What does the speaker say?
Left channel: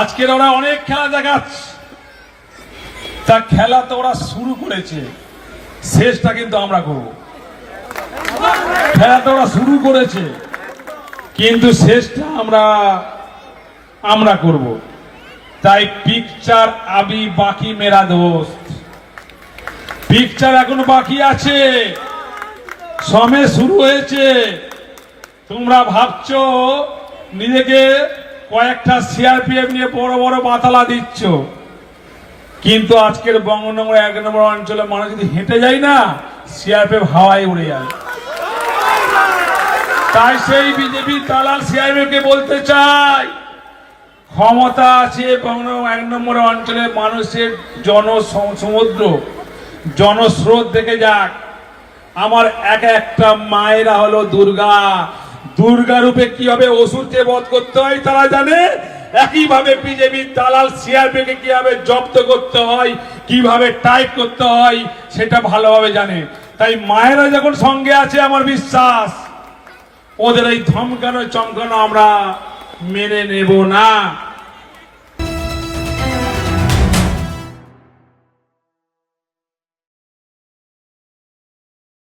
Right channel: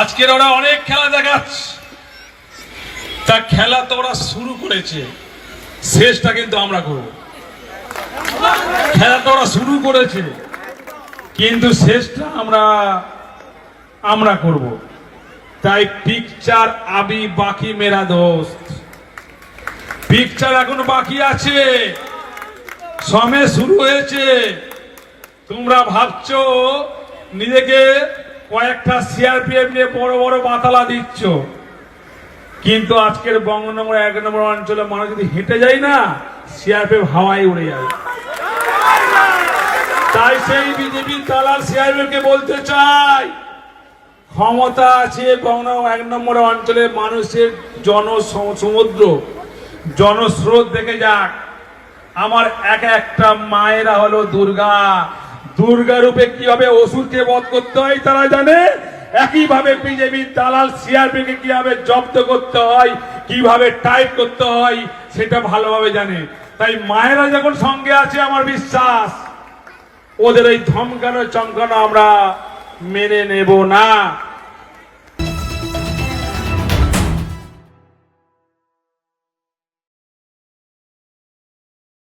আজকের ওরা অনেক খেলা দেখাচ্ছে, তা খেলা তো ওরা শুরু করেছে, শেষটা কিন্তু আমরা করব। খেলা তো ওরা শুরু করেছে, কিন্তু শেষটা আমরা করব। তাই পিকচার আবি বাকি মেরা দোস্ত, পিকচার এখনো বাকি আছে, সময় শুরু হয়েছে। তোমরা ভাবছো নিজেকে কয়েকটা সিআরপিএফ নিয়ে বড় বড় বাতালা দিচ্ছ, কিন্তু আজকের বঙ্গনগর 1 নম্বর অঞ্চলে মানুষ যদি হেঁটে যায় না, সিআরপিএফ হাওয়ায় উড়ে যাবে। তাই সেই বিজেপি দালাল সিআরপিএফকে বলতে চাই, ক্ষমতা আছে বঙ্গনগর 1 নম্বর অঞ্চলের মানুষের জনসমুদ্র, জনস্রোত দেখে যাক। আমার একটা মায়েরা হলো দুর্গা, দুর্গা রূপে কিভাবে অসুরকে বধ করতে হয় তারা জানে, একইভাবে বিজেপি দালাল সিআরপিকে কিভাবে জব্দ করতে হয়, কিভাবে টাইপ করতে হয় সেটা ভালোভাবে জানে। তাই মায়েরা যখন সঙ্গে আছে, আমার বিশ্বাস ওদের এই ধমকানো চমকানো আমরা মেনে নেব না।